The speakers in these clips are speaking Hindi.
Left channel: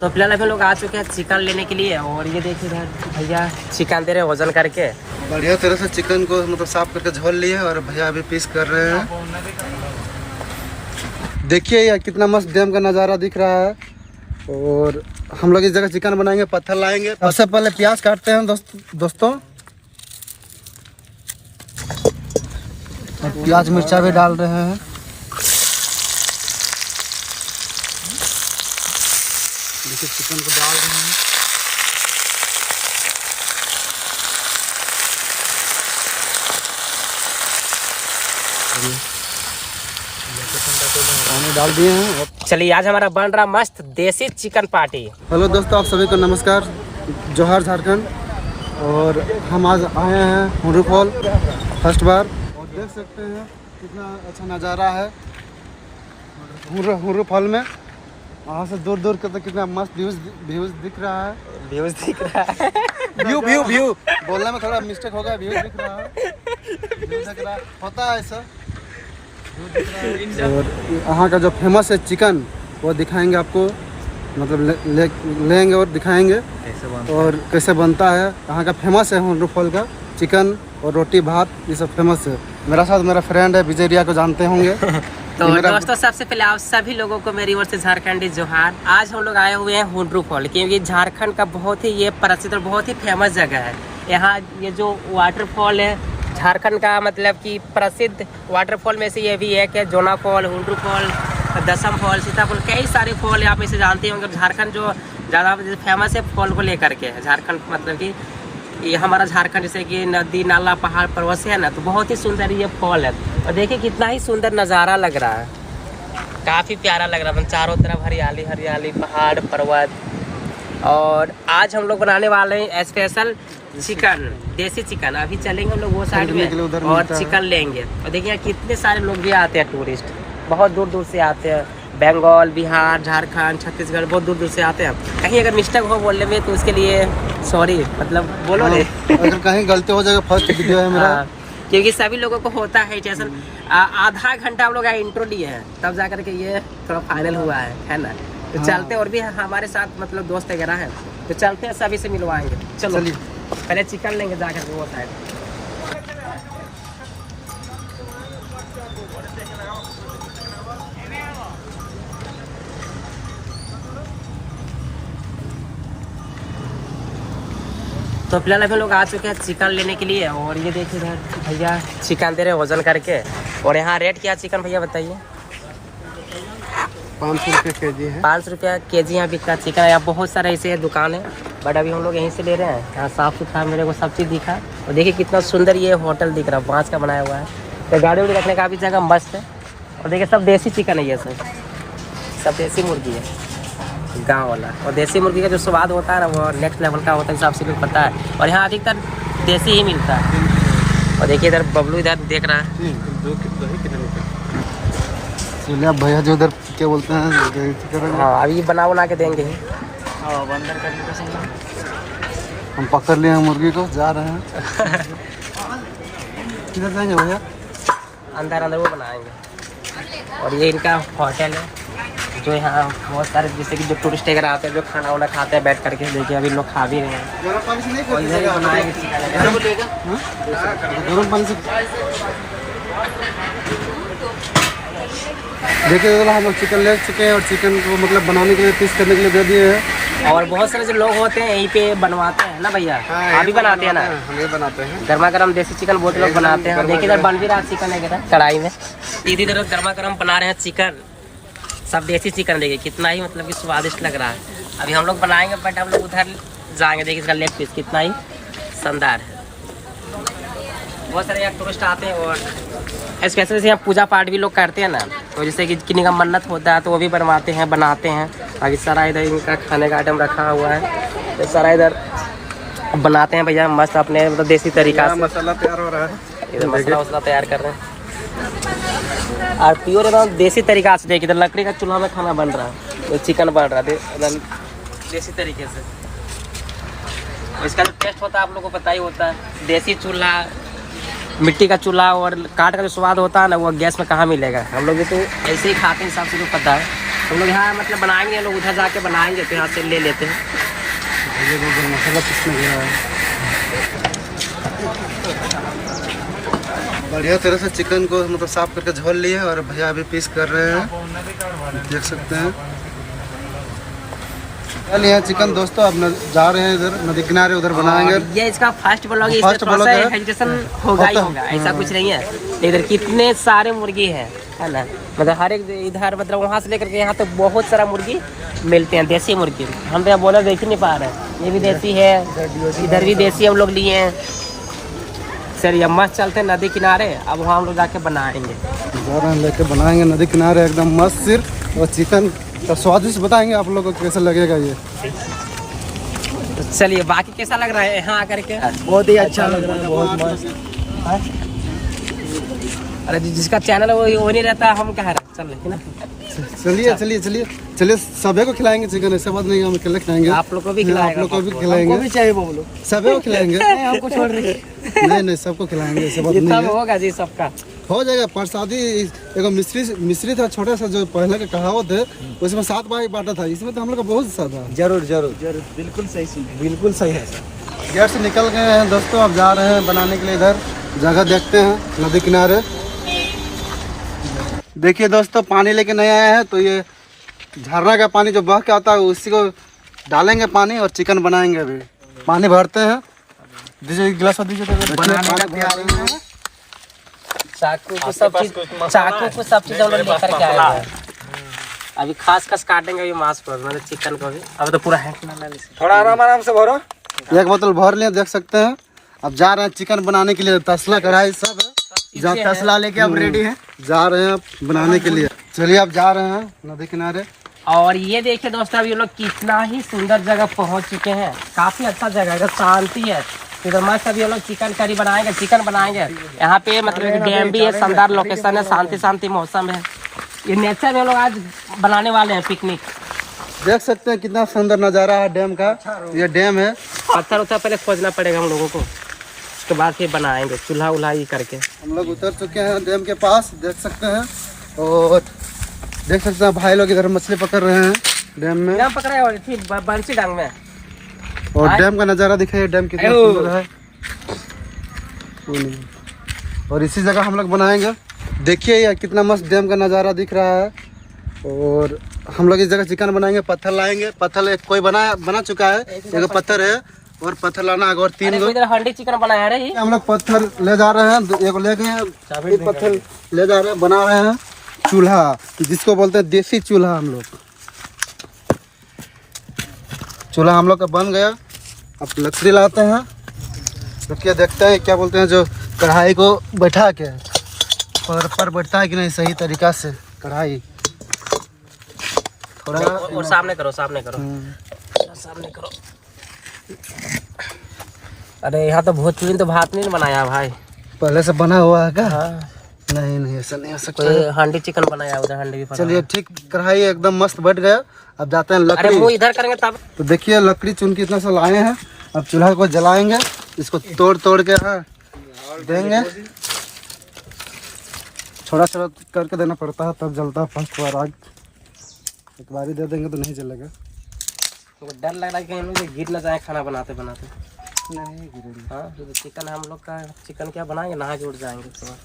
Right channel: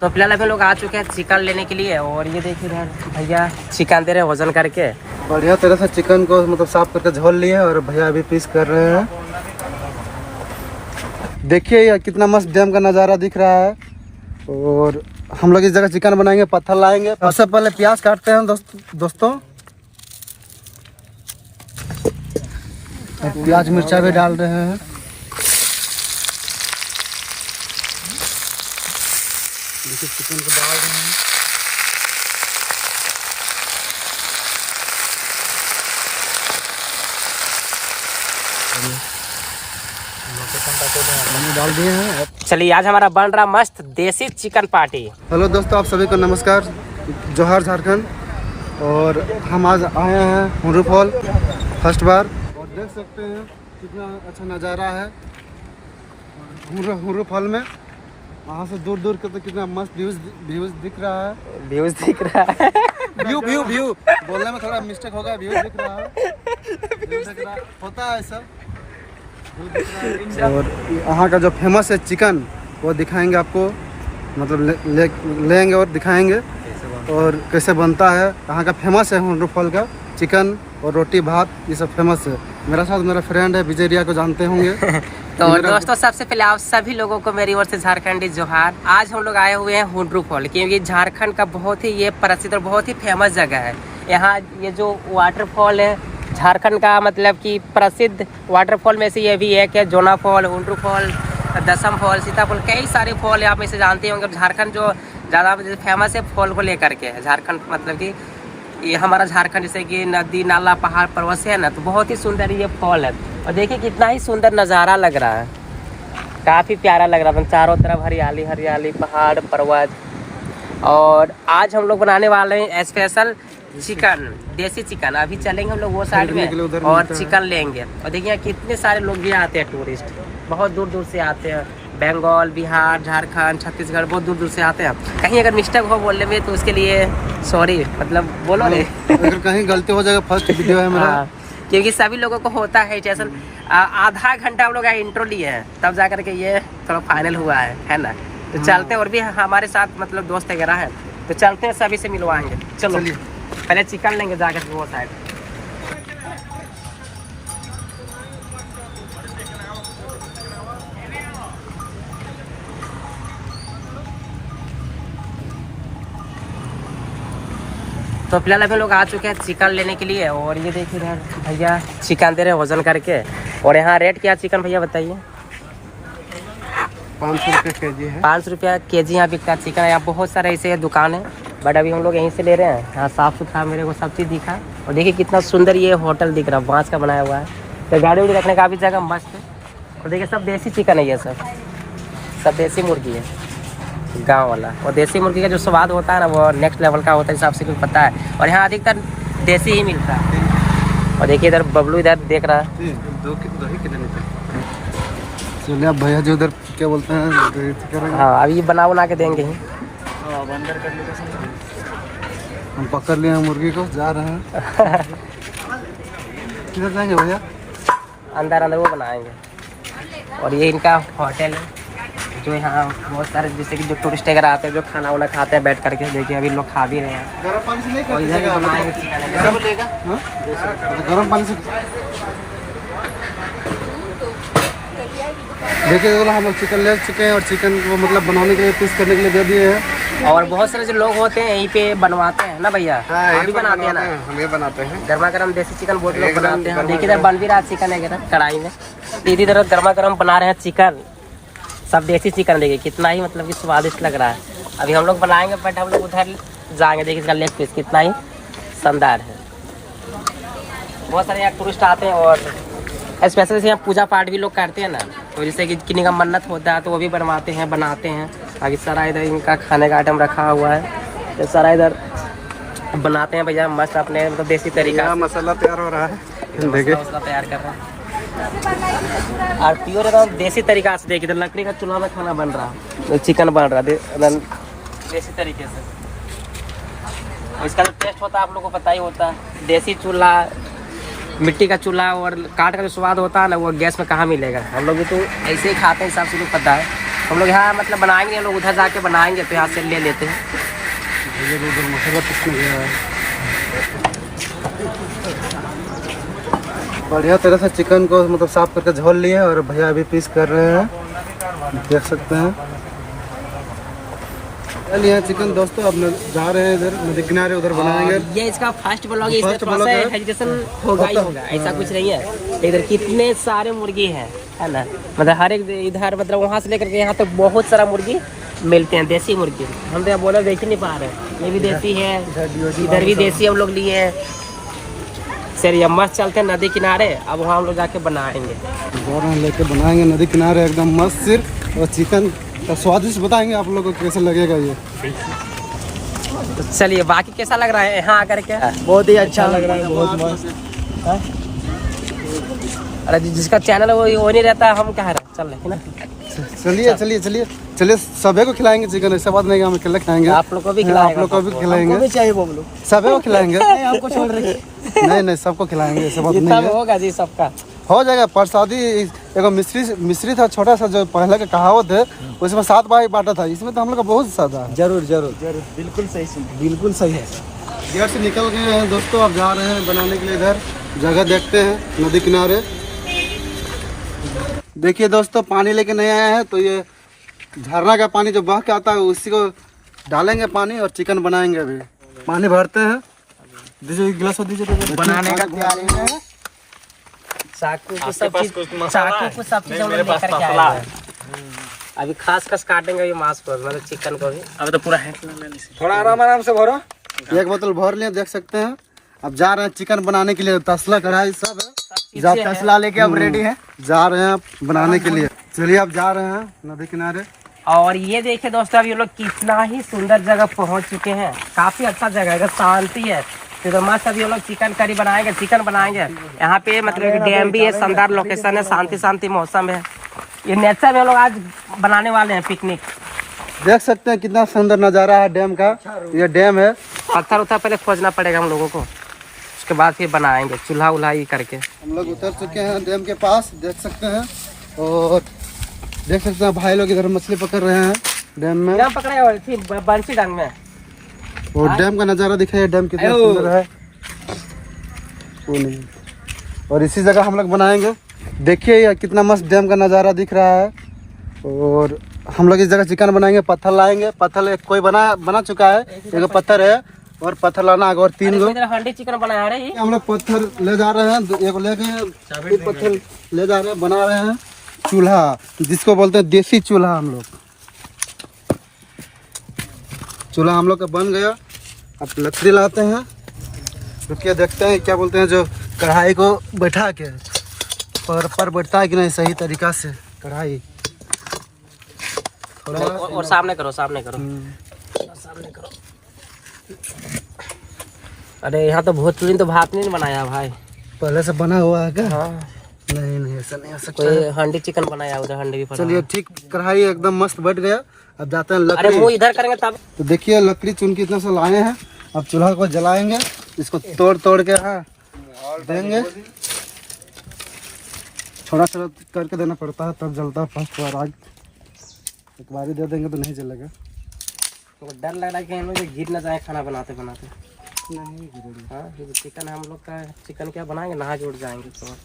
तो फिलहाल अभी लोग आ चुके हैं चिकन लेने के लिए। और ये देखिए इधर भैया चिकन दे रहे हैं वजन करके। बढ़िया तरह से चिकन को मतलब साफ करके झोल लिए और भैया अभी पीस कर रहे हैं। देखिए ये कितना मस्त डैम का नज़ारा दिख रहा है। और हम लोग इस जगह चिकन बनाएंगे, पत्थर लाएंगे। सबसे पहले प्याज काटते हैं दोस्तों। प्याज मिर्चा भी डाल रहे हैं। देखिए चिकन को डाल रहे हैं। डाल दिए हैं। चलिए आज हमारा बन रहा मस्त देसी चिकन पार्टी। हेलो दोस्तों, आप सभी को नमस्कार, जोहार झारखंड। और हम आज आए हैं हुर्रू फॉल फर्स्ट बार। और देख सकते हैं कितना अच्छा नज़ारा है हुर्रू फॉल में। वहाँ से दूर दूर के तो कितना मस्त व्यूज दिख रहा है। व्यूज दिख रहा है। व्यू बोलने में थोड़ा मिस्टेक हो गया। व्यूज दिख रहा है, व्यूज दिख रहा है, होता है ऐसा। और यहाँ का जो फेमस है चिकन वो दिखाएंगे आपको, मतलब लेंगे और दिखाएंगे और कैसे बनता है। यहाँ का फेमस है हुर्रू फॉल का चिकन और रोटी भात, ये सब फेमस है। मेरा साथ मेरा फ्रेंड है विजय रिया, को जानते होंगे। तो दोस्तों सबसे पहले आप सभी लोगों को मेरी ओर से झारखंडी जोहार। आज हम लोग आए हुए हैं हुर्रू फॉल, क्योंकि झारखंड का बहुत ही ये प्रसिद्ध और बहुत ही फेमस जगह है। यहाँ ये जो वाटरफॉल है झारखंड का, मतलब कि प्रसिद्ध वाटरफॉल में से ये भी है कि जोना फॉल, हुर्रू फॉल, दसम फॉल, सीता फॉल, कई सारे फॉल आप इसे जानते होंगे। झारखंड जो ज़्यादा फेमस है फॉल को लेकर के, झारखंड मतलब कि ये हमारा झारखंड जैसे कि नदी नाला पहाड़ पर्वत से है ना, तो बहुत ही सुंदर ये फॉल है। और देखिए कितना ही सुंदर नज़ारा लग रहा है, काफ़ी प्यारा लग रहा है। चारों तरफ हरियाली हरियाली, पहाड़ पर्वत। और आज हम लोग बनाने वाले हैं स्पेशल चिकन, देसी चिकन। अभी चलेंगे हम लोग वो साइड में और चिकन लेंगे। और देखिए कितने सारे लोग भी आते हैं, टूरिस्ट बहुत दूर दूर से आते हैं। बंगाल, बिहार, झारखंड, छत्तीसगढ़, बहुत दूर दूर से आते हैं। कहीं अगर मिस्टेक हो बोलने में तो उसके लिए सॉरी, मतलब बोलो नहीं। अगर कहीं गलती हो जाएगा, फर्स्ट वीडियो है मेरा। क्योंकि सभी लोगों को होता है जैसे आधा घंटा हम लोग इंट्रो लिए हैं, तब जा करके ये थोड़ा फाइनल हुआ है ना। तो चलते, और भी हमारे साथ मतलब दोस्त वगैरह हैं, तो चलते हैं, सभी से मिलवाएंगे। चलो पहले चिकन लेंगे जाकर के वो साइड। तो फिलहाल अभी लोग आ चुके हैं चिकन लेने के लिए। और ये देखिए इधर भैया चिकन दे रहे हैं वजन करके। और यहाँ रेट क्या चिकन भैया बताइए? 500 रुपये के जी है। 500 रुपया के जी यहाँ बिकता चिकन है। यहाँ बहुत सारे ऐसे दुकान है, बट अभी हम लोग यहीं से ले रहे हैं। यहाँ साफ़ सुथरा मेरे को सब चीज़ दिखा। और देखिए कितना सुंदर ये होटल दिख रहा है, बाँस का बनाया हुआ है। तो गाड़ी उड़ी रखने का भी जगह मस्त है। और देखिए सब देसी चिकन है, ये सब देसी मुर्गी है, गांव वाला। और देसी मुर्गी का जो स्वाद होता है ना, वो नेक्स्ट लेवल का होता है, हिसाब से लोग पता है। और यहाँ अधिकतर देसी ही मिलता है। और देखिए इधर बबलू इधर देख रहा है। चलिए अब भैया जो उधर क्या बोलते हैं, हाँ अभी बना के देंगे ही। हम पकड़ लिए हैं मुर्गी को, जा रहे हैं। किधर जाएंगे भैया? अंदर वो बनाएंगे। और ये इनका होटल है, जो यहाँ बहुत सारे जैसे कि जो टूरिस्ट वगैरह आते हैं, जो खाना वाना खाते हैं बैठ करके। देखिए अभी लोग खा भी रहे हैं। और इधर ही बनाएंगे चिकन। गर्म पानी से देखिए हम लोग चिकन ले चुके हैं और चिकन को मतलब बनाने के लिए, पीस करने के लिए दे दिए हैं। और बहुत सारे जो लोग होते हैं यहीं पे बनवाते हैं ना भैया, अभी बनाते हैं ना, हम ये बनाते हैं। गर्मा गर्म देसी चिकन बहुत लोग बनाते हैं। देखिए इधर बन भी रहा चिकन वगैरह कढ़ाई में। इधर तरफ गर्मा गर्म बना रहे हैं चिकन, सब देसी चिकन। देखिए कितना ही मतलब कि स्वादिष्ट लग रहा है। अभी हम लोग बनाएंगे, बट हम लोग उधर जाएंगे। देखिए इसका लेग पीस कितना ही शानदार है। बहुत सारे यहाँ टूरिस्ट आते हैं। और स्पेशल से यहाँ पूजा पाठ भी लोग करते हैं ना, तो जैसे कि किन्हीं का मन्नत होता है तो वो भी बनवाते हैं, बनाते हैं। बाकी सारा इधर इनका खाने का आइटम रखा हुआ है, तो सारा इधर बनाते हैं भैया मस्त अपने मतलब देसी तरीका से। मसाला तैयार हो रहा है, मसाला तैयार कर रहे हैं। और प्योर एकदम देसी तरीका से। देखिए इधर लकड़ी का चूल्हा में खाना बन रहा है, चिकन बन रहा है एकदम देसी तरीके से। और इसका जो टेस्ट होता है आप लोगों को पता ही होता है, देसी चूल्हा, मिट्टी का चूल्हा। और काट का जो स्वाद होता है ना, वो गैस में कहाँ मिलेगा। हम लोग भी तो ऐसे ही खाते हैं, हिसाब से तो पता है। हम लोग यहाँ मतलब बनाएंगे, हम लोग उधर जाके बनाएंगे तो यहाँ से ले लेते हैं। भैया को उधर मसाला पीसने गया है। बढ़िया तरह से चिकन को मतलब साफ करके झोल लिए और भैया अभी पीस कर रहे हैं, देख सकते हैं। चलिए चिकन दोस्तों, अब जा रहे हैं इधर नदी किनारे, उधर बनाएंगे। ये इसका फर्स्ट ब्लॉग है, इसमें थोड़ा सा हेजिटेशन होगा ही होगा, ऐसा कुछ नहीं है। इधर कितने सारे मुर्गी हैं, है ना, मतलब हर एक इधर मतलब वहाँ से लेकर के यहाँ तक बहुत सारा मुर्गी मिलते हैं, देसी मुर्गी। हम तो यहाँ बोला देख ही नहीं पा रहे हैं, ये भी देसी है, इधर भी देसी हम लोग लिए हैं। सर ये मस्त चलते हैं नदी किनारे, अब वहाँ हम लोग जाके बनाएंगे। जा रहे हैं लेके बनाएंगे नदी किनारे एकदम मस्त सिर्फ, और चिकन का स्वादिष्ट बताएंगे आप लोगों को कैसा लगेगा ये। तो चलिए बाकी कैसा लग रहा है यहाँ आकर के? बहुत ही अच्छा लग रहा है, बहुत मस्त। अरे जिसका चैनल है वो नहीं रहता, हम कह रहे चल रहे ना। चलिए चलिए चलिए चलिए, सभी को खिलाएंगे चिकन, ऐसा बात नहीं कि हम अकेले खाएंगे, आप लोग को भी खिलाएंगे, आप लोग को भी खिलाएंगे, भी चाहिए बोलो, सभी को खिलाएंगे। हमको छोड़ रही नहीं नहीं, सबको खिलाएंगे, ऐसा बात नहीं जितना है। होगा जी सबका हो जाएगा प्रसादी। एगो मिश्री था छोटा सा, जो पहले का कहावत है, उसमें 7 भाई बांटा था, इसमें तो हम लोग का बहुत ज्यादा है। जरूर जरूर जरूर, बिल्कुल सही सुन, बिल्कुल सही है। घर से निकल गए हैं दोस्तों, अब जा रहे हैं बनाने के लिए। इधर जगह देखते हैं नदी किनारे। देखिए दोस्तों, पानी लेके नहीं आया है, तो ये झरना का पानी जो बह के आता है उसी को डालेंगे पानी और चिकन बनाएंगे। अभी पानी भरते हैं, दीजिए गिलास दीजिए, बनाने का तैयार है। चाकू को सब चीज हम लोग लेकर के आए हैं। अभी खास काटेंगे ये मांस को, मतलब चिकन को भी। अभी तो पूरा है, थोड़ा आराम से भरो। एक बोतल भर लिए, देख सकते हैं। अब जा रहे हैं चिकन बनाने के लिए, तसला कढ़ाई सब है, तसला लेके अब रेडी है, जा रहे हैं बनाने के लिए। चलिए अब जा रहे हैं नदी किनारे। और ये देखिए दोस्तों, अभी ये लोग कितना ही सुंदर जगह पहुंच चुके हैं, काफी अच्छा जगह है, शांति है। तो मस्त अभी ये लोग चिकन करी बनाएंगे, चिकन बनाएंगे। यहाँ पे मतलब डैम भी है, शानदार लोकेशन है, शांति मौसम है। ये नेचर में लोग आज बनाने वाले हैं पिकनिक। देख सकते हैं कितना सुंदर नज़ारा है डैम का। ये डैम है, पत्थर उत्थर पहले खोजना पड़ेगा हम लोगों को, उसके बाद फिर बनाएंगे चूल्हा उल्हा ये करके। हम लोग उतर चुके हैं डैम के पास, देख सकते हैं। और देख सकते हैं भाई लोग इधर मछली पकड़ रहे हैं डैम में, डैम पकड़े और थी बंसी डंग में। और डैम का नज़ारा दिखाइए, डैम कितना सुंदर है। वो नहीं, और इसी जगह हम लोग बनाएंगे। देखिए ये कितना मस्त डैम का नज़ारा दिख रहा है। और हम लोग इस जगह चिकन बनाएंगे। पत्थर लाएंगे, पत्थर एक कोई बना चुका है, एक पत्थर है और पत्थर लाना आगे, और 3 लोग। हंडी चिकन बनाया रही, हम लोग पत्थर ले जा रहे हैं, एक ले गए, एक पत्थर ले जा रहे हैं, बना रहे हैं चूल्हा, जिसको बोलते हैं देसी चूल्हा। हम लोग चूल्हा हम लोग का बन गया। अब लकड़ी लाते हैं, रुकिए देखते हैं क्या बोलते हैं, जो कढ़ाई को बैठा के पर बैठता है कि नहीं सही तरीका से कढ़ाई। थोड़ा और सामने करो सामने करो। अरे यहाँ तो भोजपुरी तो भात नहीं बनाया भाई, पहले से बना हुआ है क्या? नहीं ऐसा नहीं हो सकता। कोई हांडी चिकन बनाया, उधर हांडी भी। चलिए ठीक, कढ़ाई एकदम मस्त बैठ गया। अब जाते हैं अरे लकड़ी। वो इधर करेंगे तब। तो देखिए लकड़ी चुन के इतना सा लाए हैं। अब चूल्हा को जलाएंगे, इसको तोड़ के देंगे। थोड़ा करके देना पड़ता है, तब जलता है फर्स्ट बार। आग एक बार ही दे देंगे तो नहीं जलेगा। तो डर लग रहा है कहीं लोग गिर न जाए खाना बनाते बनाते। नहीं गिरेगा। हाँ तो चिकन हम लोग का चिकन क्या बनाएंगे, नहा के उठ जाएंगे तो।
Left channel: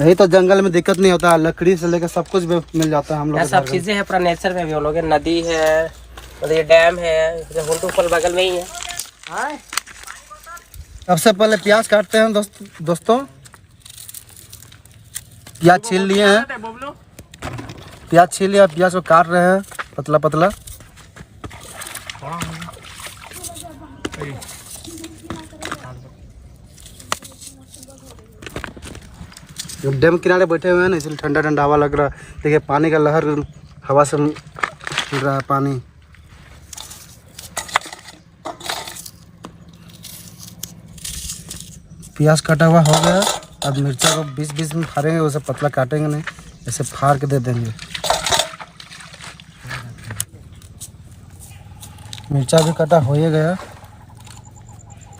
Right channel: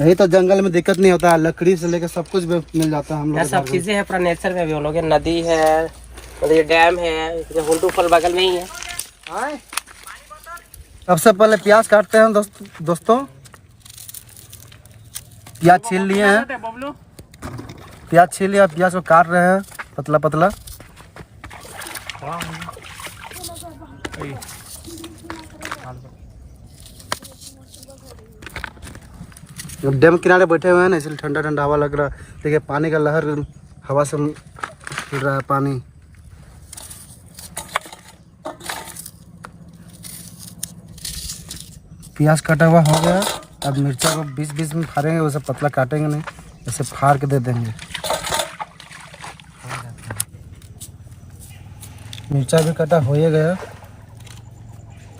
यही तो जंगल में दिक्कत नहीं होता है, लकड़ी से लेकर सब कुछ मिल जाता है हम लोग। सब चीजें हैं पूरा नेचर में भी हम लोग, नदी है, ये डैम है, हुंडू फॉल बगल में ही है। सबसे पहले प्याज काटते हैं दोस्तों। प्याज छील लिए हैं, प्याज छील लिया, प्याज को काट रहे हैं पतला पतला। डैम किनारे बैठे हुए हैं ना, इसलिए ठंडा ठंडा हवा लग रहा है। देखिए पानी का लहर हवा से उड़ रहा है पानी। प्याज कटा हुआ हो गया। अब मिर्चा को बीच में फाड़ेंगे, वैसे पतला काटेंगे नहीं, ऐसे फाड़ के दे देंगे। मिर्चा भी कटा हो ही गया।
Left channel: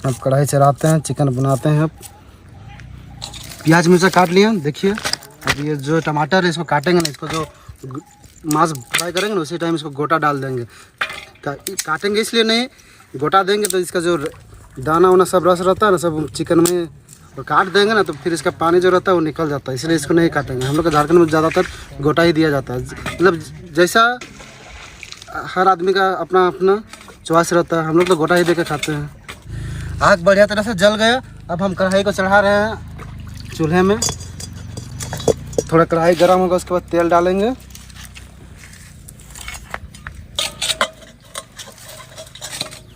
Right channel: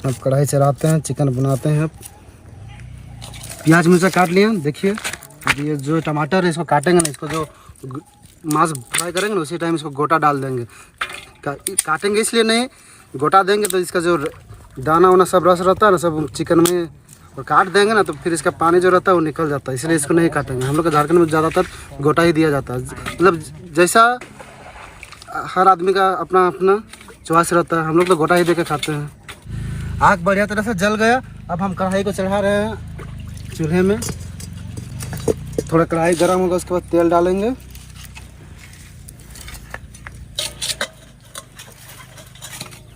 अब कढ़ाई चढ़ाते हैं, चिकन बनाते हैं। प्याज मिर्चा काट लिए, देखिए अब ये जो टमाटर है इसको काटेंगे ना, इसको जो मांस फ्राई करेंगे ना उसी टाइम इसको गोटा डाल देंगे। काटेंगे इसलिए नहीं, गोटा देंगे तो इसका जो दाना वाना सब रस रहता है ना सब चिकन में, और काट देंगे ना तो फिर इसका पानी जो रहता है वो निकल जाता है, इसलिए इसको नहीं काटेंगे। हम लोग के झारखंड में ज़्यादातर गोटा ही दिया जाता है, मतलब जैसा हर आदमी का अपना अपना चॉइस रहता है, हम लोग तो गोटा ही दे के खाते हैं। आग बढ़िया तरह से जल गया। अब हम कढ़ाई को चढ़ा रहे हैं चूल्हे में। थोड़ा कढ़ाई गर्म होगा उसके बाद तेल डालेंगे।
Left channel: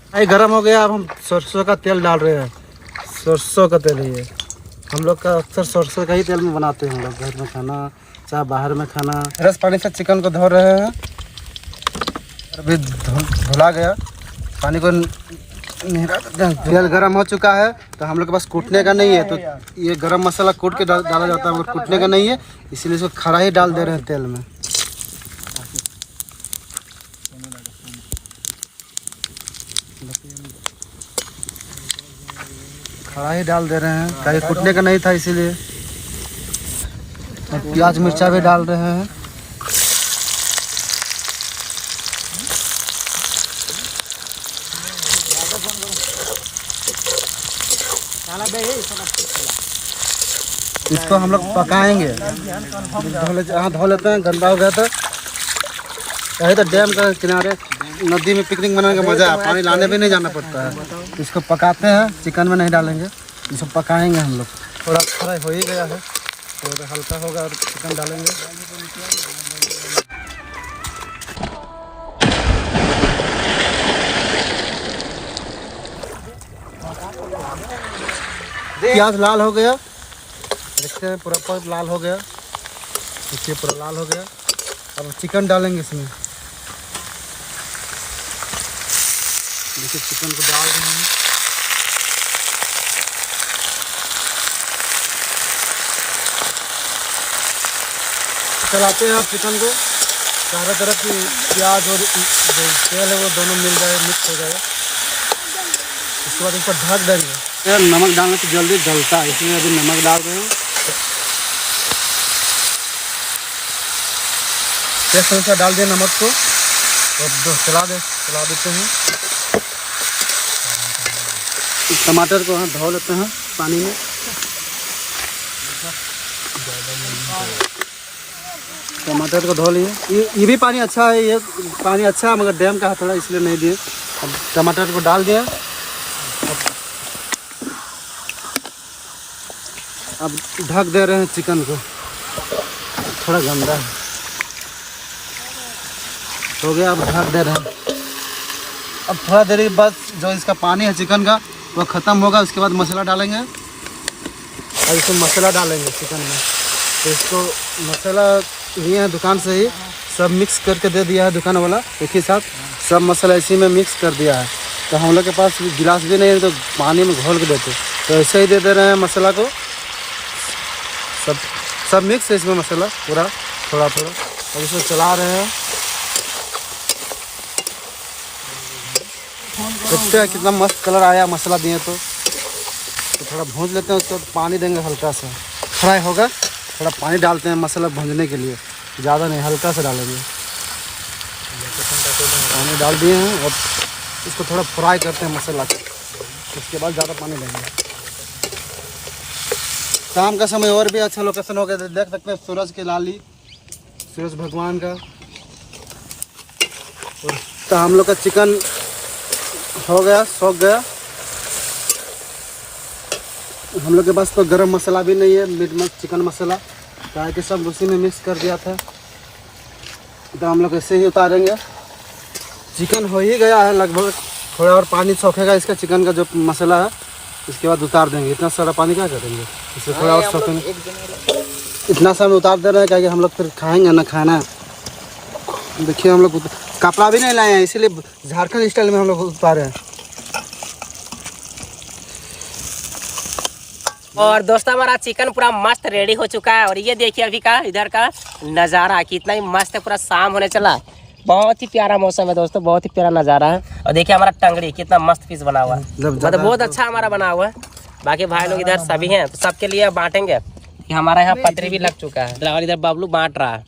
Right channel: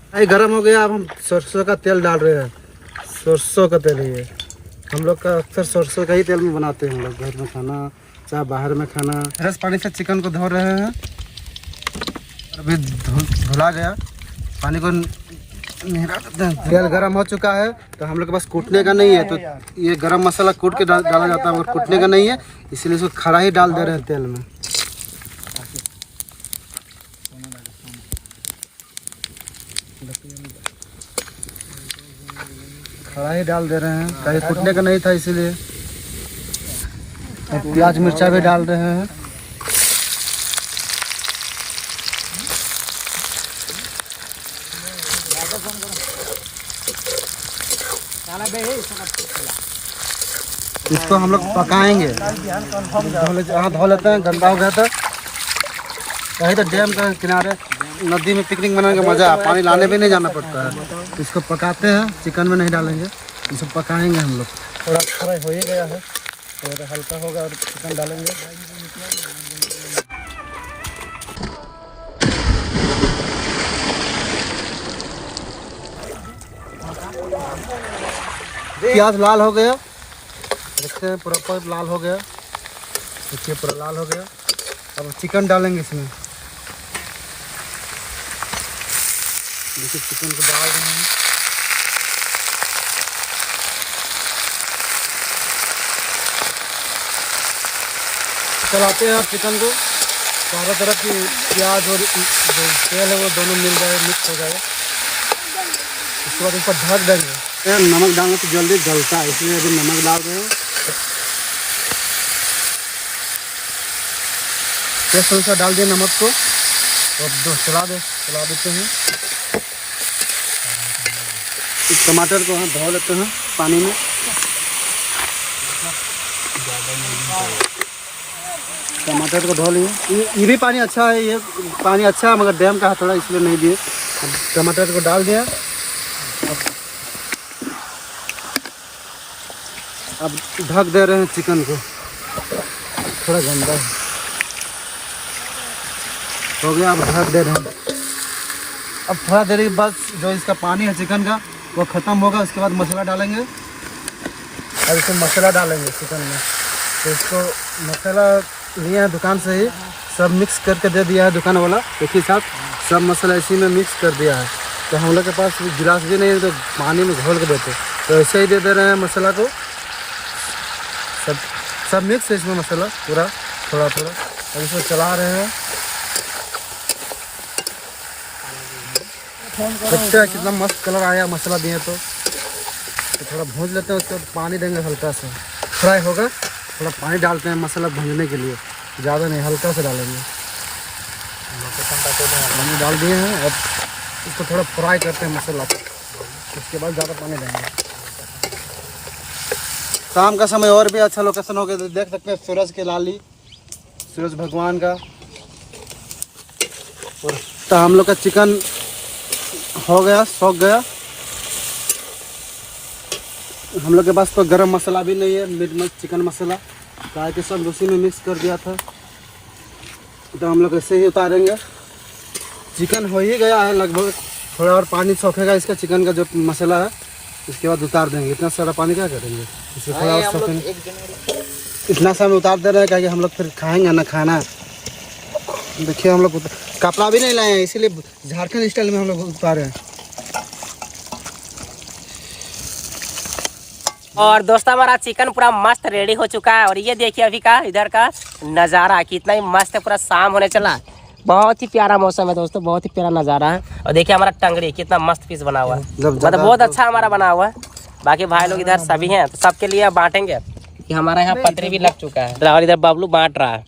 कढ़ाई गर्म हो गया, अब हम सरसों का तेल डाल रहे हैं। सरसों का तेल ही है, हम लोग का अक्सर सरसों का ही तेल में बनाते हैं हम लोग, घर में खाना चाहे बाहर में खाना। फ्रेश पानी से चिकन को धो रहे हैं। अभी धुला गया, पानी को तेल गरम हो चुका है, तो हम लोग के पास कूटने का नहीं है, तो ये गरम मसाला कूट के डाला जाता है, मगर कूटने का नहीं है इसलिए इसको खड़ा ही डाल दे रहे हैं तेल में। खड़ा ही डाल दे रहे हैं, कहीं कूटने का नहीं था इसीलिए। और प्याज मिर्चा भी डाल रहे हैं। इसको हम लोग पकाएंगे। धो लेते हैं, गंदा हो गया था। कहीं तो डैम के किनारे नदी में पिकनिक मनाने का मज़ा है, पानी लाने भी नहीं जाना पड़ता है। इसको पकाते हैं, चिकन में नहीं डालेंगे, इसको पकाएंगे हम लोग। थोड़ा फ्राई हो ही गया है, थोड़ा हल्का होगा और चिकन डालेंगे। प्याज लाल हो गया, देखते हैं पूरा लाल हो गया। देखिए पूरा लाल हो गया। अब चिकन डालेंगे इसमें। देखिए चिकन को डाल रहे हैं। चलाते हैं चिकन को, चारों तरफ की प्याज और जो तेल है वो दोनों मिल जाए, मिक्स हो जाए। उसके बाद ऊपर ढक देंगे। नमक डालना तो जल्दी गलता है, इसलिए अभी नमक डाल रहे हैं। टेस्ट अनुसार डाल दिया नमक को, अब चला देते हैं। इस टमाटर को हम धो लेते हैं पानी में। टमाटर को धो लिए, ये भी पानी अच्छा है, ये पानी अच्छा है मगर डैम का है थोड़ा, इसलिए नहीं दिए। अब टमाटर को डाल दिया। अब ढक दे रहे हैं चिकन को, थोड़ा गंदा है हो गया। अब ढक दे रहे हैं। अब थोड़ा देर के बाद जो इसका पानी है चिकन का वो ख़त्म होगा, उसके बाद मसाला डालेंगे। अब इसमें मसाला डालेंगे चिकन में। तो इसको मसाला लिए हैं दुकान से ही, सब मिक्स करके दे दिया है दुकान वाला, एक ही साथ सब मसाला इसी में मिक्स कर दिया है। तो हम लोग के पास गिलास भी नहीं है तो पानी में घोल के देते, तो ऐसे ही दे दे रहे हैं मसाला को। सब मिक्स है इसमें मसाला पूरा, थोड़ा थोड़ा। अब इसको चला रहे हैं। देखते हैं कितना मस्त कलर आया मसाला दिए तो थोड़ा भून लेते हैं। उसको पानी देंगे हल्का सा, फ्राई होगा। थोड़ा पानी डालते हैं मसाला भूनने के लिए, ज़्यादा नहीं, हल्का से डालेंगे। पानी डाल दिए हैं, अब इसको थोड़ा फ्राई करते हैं मसाला को, उसके बाद ज़्यादा पानी देंगे। शाम का समय और भी अच्छा लोकेशन हो गया, देख सकते हैं सूरज की लाली, सूरज भगवान का। और तो हम लोग का चिकन हो गया, सूख गया। हम लोग के पास तो गरम मसाला भी नहीं है, मीट चिकन मसाला, क्या कि सब उसी में मिक्स कर दिया था। तो हम लोग ऐसे ही उतारेंगे। चिकन हो ही गया है लगभग, थोड़ा और पानी सूखेगा इसका चिकन का जो मसाला है, इसके बाद उतार देंगे। इतना सारा पानी क्या करेंगे, इसे थोड़ा और सूखेंगे। इतना समय उतार दे रहे हैं क्या कि हम लोग फिर खाएंगे ना खाना। देखिए हम लोग कपड़ा भी नहीं लाए हैं, इसीलिए झारखंड स्टाइल में हम लोग उतारे हैं। और दोस्तों हमारा चिकन पूरा मस्त रेडी हो चुका है। और ये देखिए अभी का इधर का नज़ारा कितना ही मस्त है, पूरा शाम होने चला है। बहुत ही प्यारा मौसम है दोस्तों, बहुत ही प्यारा नज़ारा है। और देखिए हमारा टंगड़ी कितना मस्त पीस बना हुआ है, मतलब बहुत अच्छा हमारा बना हुआ है। बाकी भाई लोग इधर सभी हैं तो सबके लिए बांटेंगे। कि हमारा यहाँ पतरी भी लग चुका है और इधर बबलू बांट रहा है।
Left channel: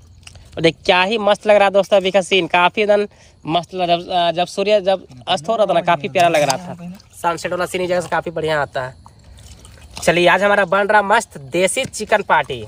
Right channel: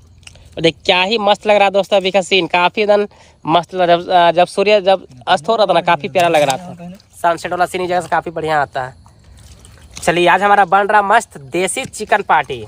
और देख क्या ही मस्त लग रहा है दोस्तों अभी का सीन, काफी एकदम मस्त लग रहा है। जब सूर्य जब अस्त हो रहा था ना काफी प्यारा लग रहा था। सनसेट वाला सीन जगह से काफी बढ़िया आता है। चलिए आज हमारा बन रहा मस्त देसी चिकन पार्टी।